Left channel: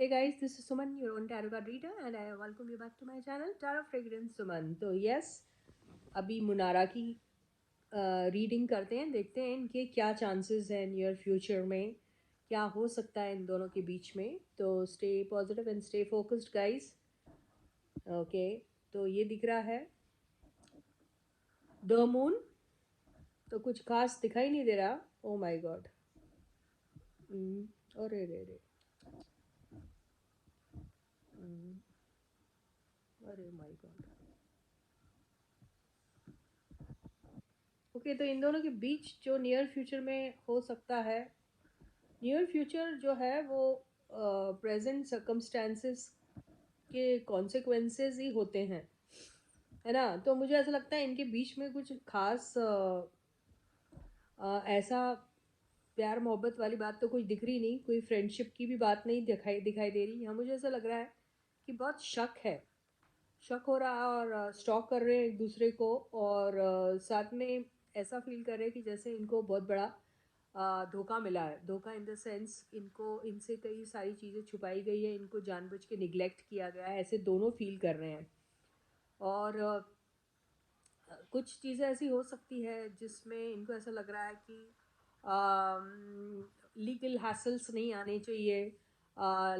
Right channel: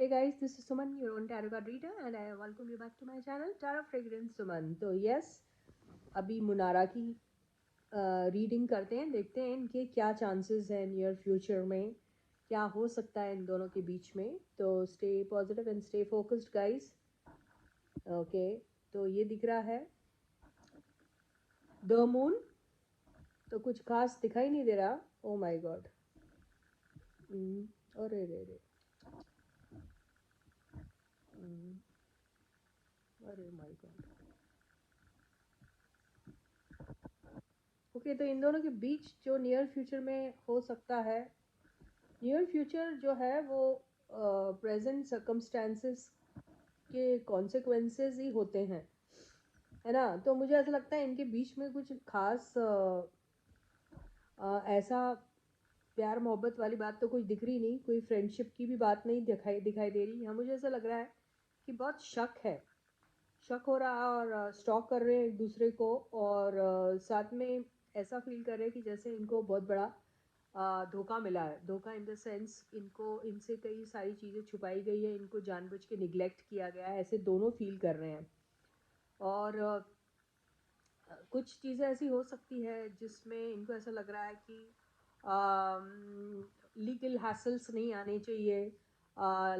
Hey guys, this is Suman, your own tarot card reader, and I welcome you back to my channel, Tarot Fragrance Suman. तो yes, अभी मुनारा की reading करते हैं, देखते हैं इनके क्या चांसेस हैं नियर फ्यूचर में, क्या हो सकता है इन दोनों के बीच में. तो stay positive and stay focused guys. Okay, तो ये दिख रहा है द मून. तो कुछ खास दिखाई नहीं दे रहा. ओ माय गॉड, अरे रे रे, अरे माय गॉड. ओके, तो इन दोनों के बीच जो नियर फ्यूचर में हो सकता है, नियर फ्यूचर जो है वो प्रेजेंट सर्कमस्टांसेस के कॉन्सिक्वेंसेस ही होते हैं, है ना. तो मुझे ऐसा लगता है इनके बीच में कुछ खास ऐसा प्यार मोहब्बत वाली बात तो कुछ दिख रही नहीं, कोई फ्रेंडशिप की भी बात नहीं दिखाई दे रही. यहाँ मुझे ऐसा लग रहा है कि बहुत शक हो रहा है और स्टॉक कर रहे हैं एक दूसरे को, और साथ में ऐसा फील कर रहे हैं कि जैसे इनको बहुत बड़ा धोखा मिला है. धोखा इन द सेंस इनको, इनसे कई सारी चीज़ें छुपाई गई है, इनको जानबूझ के निगलेक्ट किया गया है, ऐसे दोनों फील कर रहे हैं. और कुछ चीज़ें ऐसी हो सकती है जिसमें इनको ऐसा लग रहा है कि लीगल हैसल्स नहीं आने चाहिए.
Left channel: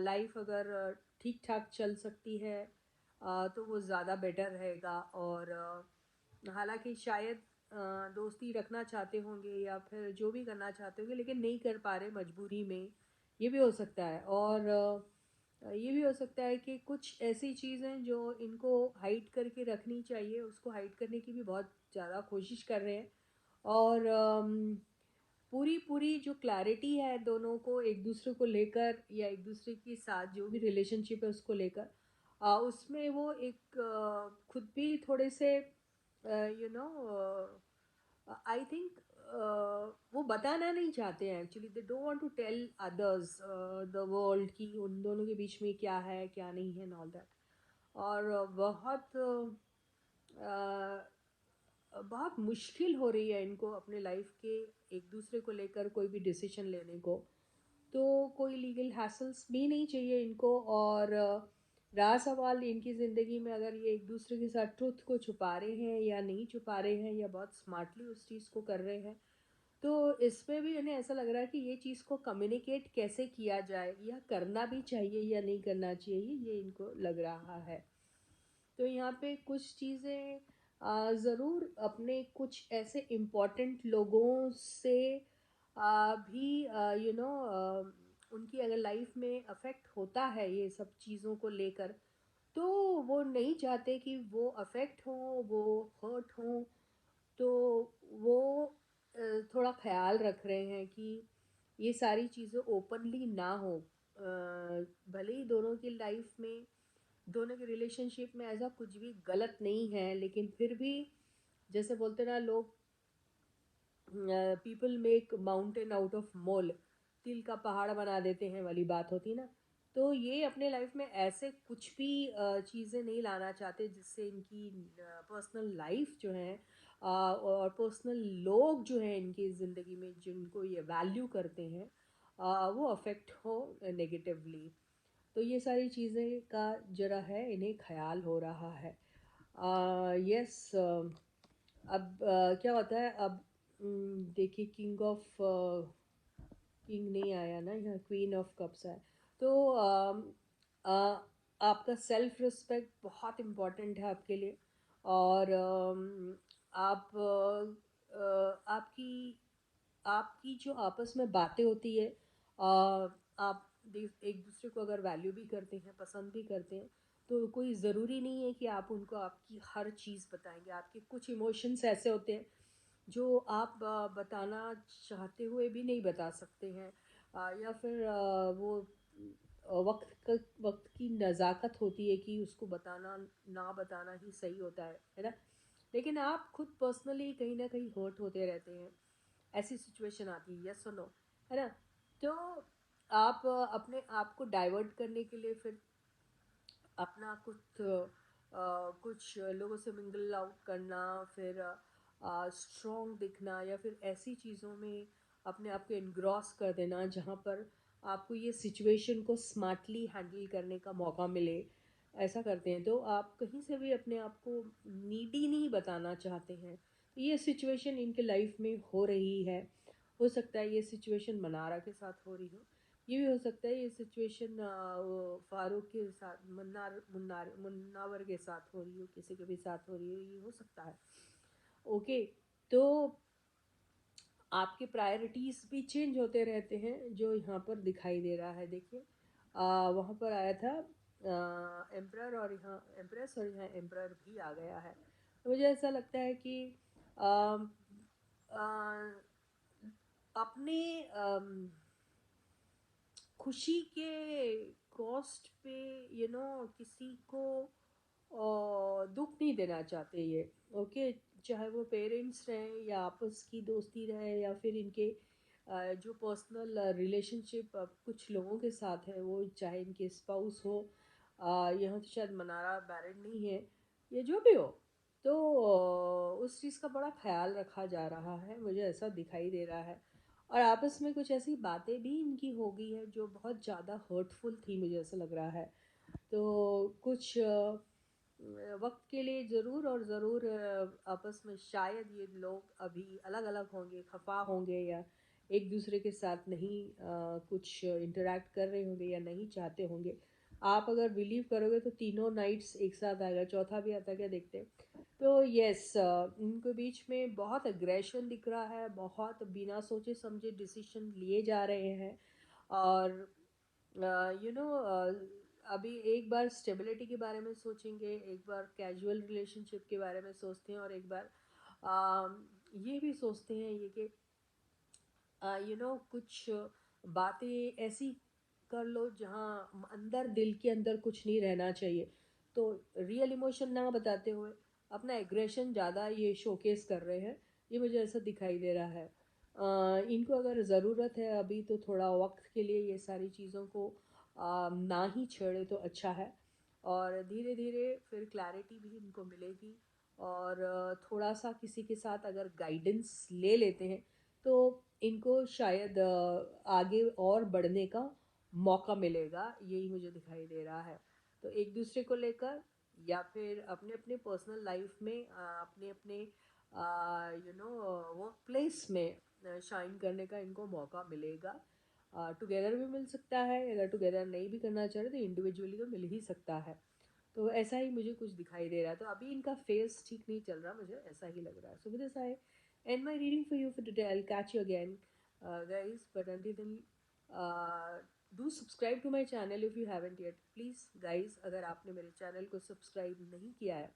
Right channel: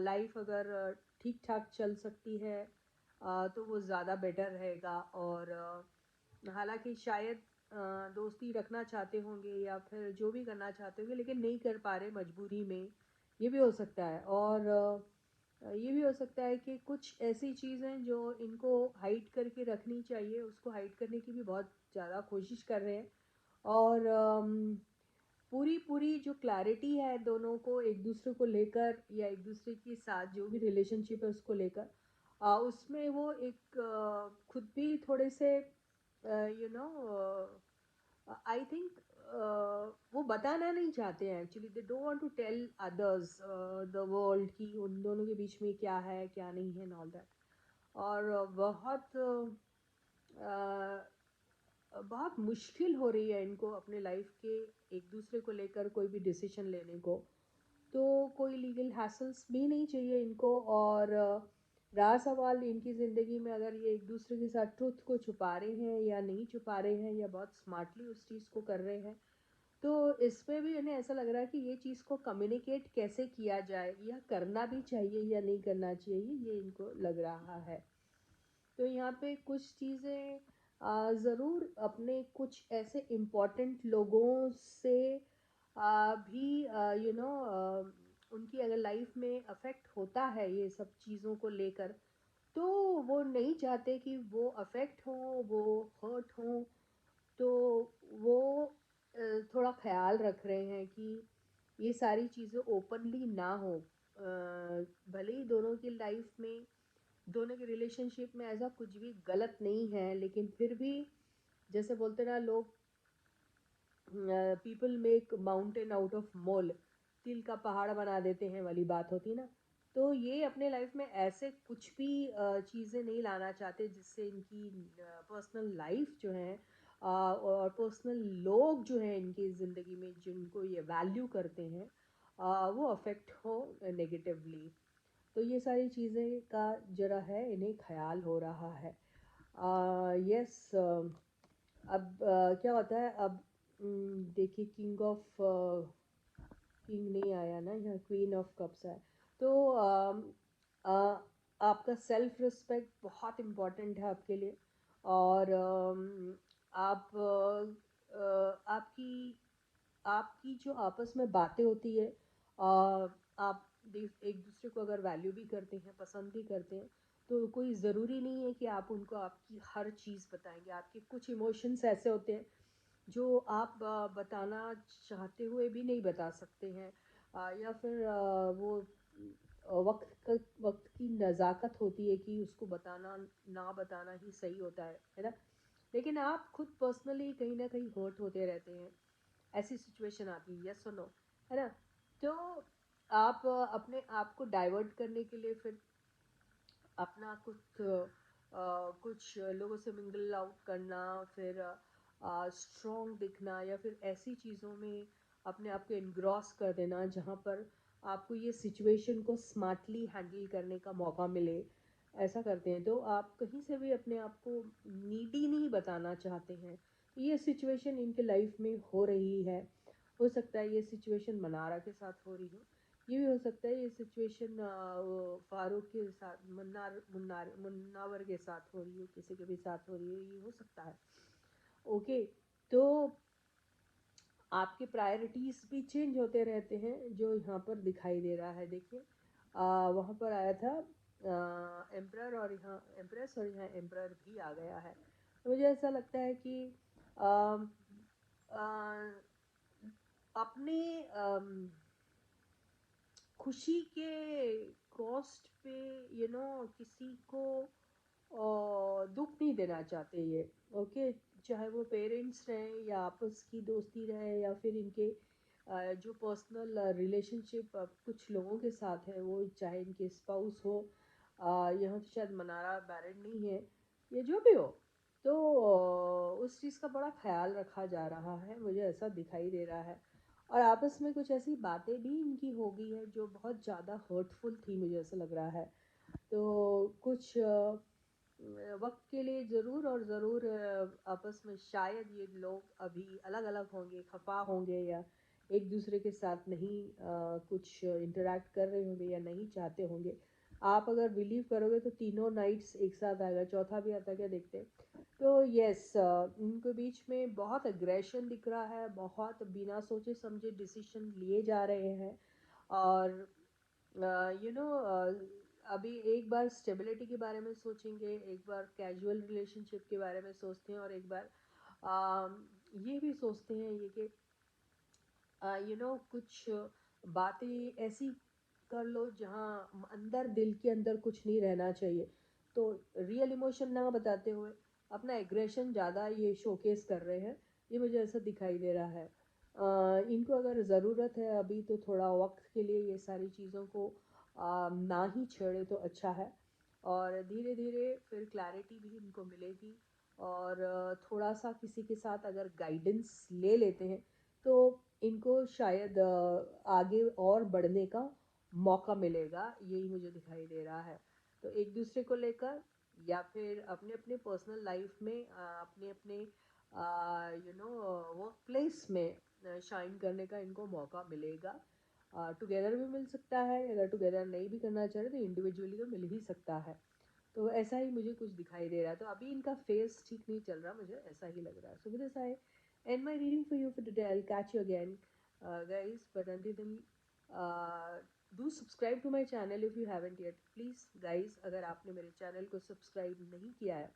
लाइफ अगर ठीक ठाक चल सकती है तो वो ज़्यादा बेटर रहेगा. और हालांकि शायद दोस्ती रखना चाहते होंगे या फिर जो भी करना चाहते होंगे, लेकिन नहीं कर पा रहे मजबूरी में, ये भी हो सकता है. और ये भी हो सकता है कि कुछ ऐसी चीज़ें जो इनको हाइड करके रखनी चाहिए, उसको हाइड करने की भी बहुत ज़्यादा कोशिश कर रहे हैं. और पूरी पूरी जो क्लैरिटी है दोनों को एक दूसरे को लेकर, या एक दूसरे के साथ जो भी रिलेशनशिप है उसको लेकर, उसमें वो एक खुद भी थोड़े से आई थिंक वो बताना नहीं चाहते हैं. Actually they don't want to tell others the world कि उन दोनों के बीच में क्या है क्या नहीं है, ऑल दैट. और बहुत मुश्किल हो रही है इनको अपने लाइफ के एक दूसरे को लेकर कोई भी डिसीजन लेने को. तो कोई लीगल हैसल्स भी नहीं चाहिए इनको. और रहा सवाल इनकी ज़िंदगी में, अगर ये एक दूसरे के साथ ट्रुथ को छुपा रहे हैं या नहीं छुपा रहे हैं, या बहुत स्मार्टली उस चीज़ को कर रहे हैं, तो इसमें भी उन्हें ऐसा लग रहा है कि ये चीज़ को कम्युनिकेट कैसे किया जाए, या करना भी चाहिए या नहीं करना चाहिए, ये इनको लग रहा है. तो यहाँ पे कुछ चीज़ें ज़रूर अपने कुछ ऐसे इम्पोर्टेंट लोगों से भी उनकी अगर लाइफ में अफेक्ट होता है ये सब चीज़ों को लेकर, तो वो नहीं चाहते कि वो अफेक्ट हो, वो हर्ट हो. तो वो थोड़ा ख्याल रख रहे हैं कि ये सारी चीज़ें ओपनली ना हो. भले ही दोनों की लाइफ में, दोनों के रिलेशनशिप में ऐसा कुछ भी गलत नहीं है, लेकिन फिर भी जैसे बोलते ना लोग, people make mountain out of mole, तिल का पहाड़ बना देते हैं वाली बात होती ना. तो ये अपने लाइफ में ऐसे कुछ भी चीज़ें नहीं लाना चाहते जिससे इनकी पर्सनल लाइफ जो है और पर्सनल लोग जो हैं इनकी ज़िंदगी में जिनको ये वैल्यू करते हैं, वो अफेक्ट हो नेगेटिवली. तो ये सारी चीज़ें का जरा है इन्हें ख्याल हो रहा है. यस. अब क्या होता है अब, देखिए किंग नहीं आया ना, यहाँ क्वीन ऑफ कप्स है. तो आपका सेल्फ रिस्पेक्ट बहुत इम्पोर्टेंट है आपके लिए. और आप आपकी आपकी जो आपस में बातें होती है, आप एक दूसरे को अगर वैल्यू भी करते हैं, पसंद भी करते हैं, तो कोई ज़रूरी नहीं है कि आप उनको आपकी हर चीज़ बताएंगे. आपके कुछ इमोशंस ऐसे होते हैं जो आप बताना चाहते हुए भी नहीं बता सकते हैं. या फिर वो वक्त की नज़ाकत होती है कि उसको बताना ना बताना ही सही होता है ना. लेकिन आप खुद पर्सनली कहीं ना कहीं हर्ट होते रहते हैं, ऐसी सिचुएशन आती है, यस और नो, है ना. तो आप अपने आप को डाइवर्ट करने के लिए फिर अपना कुछ लोगों से मिंगल आउट करना, फिर स्ट्रॉन्ग दिखना, या फिर ऐसी चीज़ों में अपने आप को इनग्रॉस कर देना जहाँ पर आपको ये सिचुएशन को स्मार्टली हैंडल करने का मौका मिले, ऐसा करते हैं। तो आप कहीं से भी अपने आप को नीडी नहीं बताना चाहते हैं। तो ये सिचुएशन इनके लाइफ में हो रही है। हो सकता है ये सिचुएशन मनारा के साथ हो रही हो, ये भी हो सकता है ये सिचुएशन फारूक के साथ, मुन्नावर के साथ हो रही हो, किसी के भी साथ हो रही हो, ये हो सकता है। ओके, तो आपके प्रायोरिटीज़ भी चेंज होते रहते हैं, जो यहाँ पर दिखाई दे रहा है। देखिए वहाँ पर आया था एम्प्रर, और यहाँ एम्प्रेस, और यहाँ एम्प्रर भी आ गया है। तो मुझे ऐसा लगता है कि आ, आ, अपने खुशी के कॉस्ट पे किसी को दुख नहीं देना चाहते ये। ओके, चाहे वो पेरेंट्स रहे या आपस की दोस्ती रहे या फिर इनके जो पर्सनल रिलेशनशिप कुछ लोगों के साथ है, वो चाहे इनके स्पाउस हो, यहाँ तो शायद मनारा मैरिड नहीं है, ये जो भी हो, तो उस चीज़ का बड़ा ख्याल रखा जा रहा है, मुझे ऐसा दिखाई दे रहा है। और आपस में कुछ ऐसी बातें भी इनकी हो गई है जो बहुत ज़्यादा हर्टफुल थी, मुझे ऐसा लग रहा है। तो कुछ वक्त के लिए ज़रूर और ज़रूर आपस में शायद ये लोग अभी अलग अलग होंगे, खफा होंगे, या एक दूसरे के साथ नहीं कुछ इंटरेक्ट कर रहे होंगे या नहीं चाहते होंगे। आप अगर बिलीव करोगे तो तीनों नाइट्स एक साथ आएगा, चौथा भी आता क्या देखते हैं। तो यस, उनके बीच में बहुत अग्रेशन दिख रहा है, बहुत बिना सोचे समझे डिसीजन लिए जा रहे हैं। और अभी एक बार स्टेबिलिटी के बारे में सोचेंगे, एक बार कैजुअल रिलेशनशिप के बारे में सोचते हैं, और एक बार ये भी सोचते हैं ये कि कुछ बातें ऐसी कर लो जहाँ अंदर, दिल के अंदर कुछ नहीं रहना चाहिए। तो रियल इमोशन ना बताते हुए अपना एग्रेशन ज़्यादा ये शोकेस कर रहे हैं, ये मुझे ऐसा दिखाई दे रहा है। इनको अगर ज़रूरत है अभी तो थोड़ा वक्त के लिए ये सारी चीज़ों को ना ही छेड़े तो अच्छा है। और धीरे धीरे फिर क्लैरिटी भी इनको मिलेगी। और थोड़ा सा किसी के साथ अगर गाइडेंस ले लेते हैं तो इनको शायद आगे और बढ़ने का मौका मिलेगा, यही मुझे दिखाई दे रहा है। तो एक दूसरे को लेकर या फिर अपने अपने पर्सनल लाइफ में अपने अपने वर्क प्लेस में शाइन करने का इनको मौका मिलेगा। टुगेदर भी मिल सकता है, अगर टुगेदर नहीं भी करना चाह रहे तो इंडिविजुअली तो मिल ही सकता है। तो ऐसा ही मुझे कुछ दिखाई दे रहा है। तो अभी इनका फेस ठीक नहीं चल रहा, मुझे ऐसा ही लग रहा है। So with this I end my reading for you for today. I'll catch you again, guys. But until then, do subscribe to my channel if you haven't yet. Please, guys, अगर आपने मेरे चैनल को subscribe नहीं किया है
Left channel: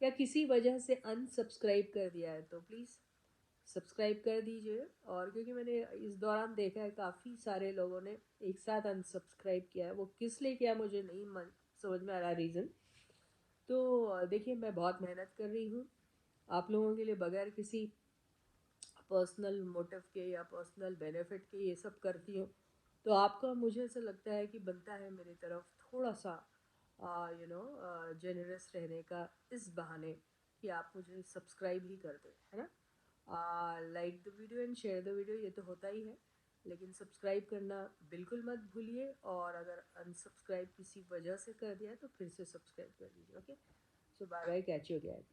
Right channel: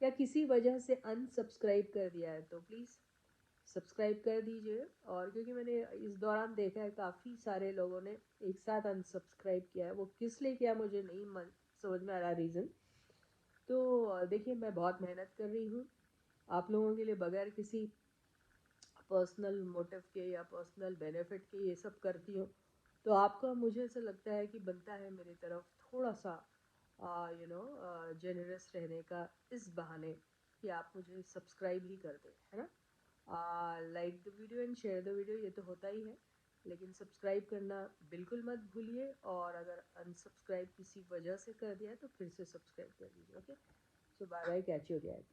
या किसी वजह से अनसब्सक्राइब कर दिया है तो प्लीज़ सब्सक्राइब कर दीजिए। और क्योंकि मैंने इस दौरान देखा है काफ़ी सारे लोगों ने एक साथ अनसब्सक्राइब किया है, वो किस लिए किया मुझे नहीं समझ में आ रहा रीज़न। तो देखिए, मैं बहुत मेहनत कर रही हूँ आप लोगों के लिए, बगैर किसी पर्सनल मोटिव के या पर्सनल बेनिफिट के ये सब करती हूँ। तो आपका, मुझे ऐसा लगता है कि बनता है मेरी तरफ थोड़ा सा जेनरस रहने का, इस बहाने कि आप मुझे सब्सक्राइब ही कर दें, है ना। Like the video and share the video, ये तो होता ही है, लेकिन सब्सक्राइब करना बिल्कुल मत भूलिए। और अगर अनसब्सक्राइब किसी वजह से कर दिया है तो फिर से सब्सक्राइब कर दीजिए। Okay, so bye bye, catch you again.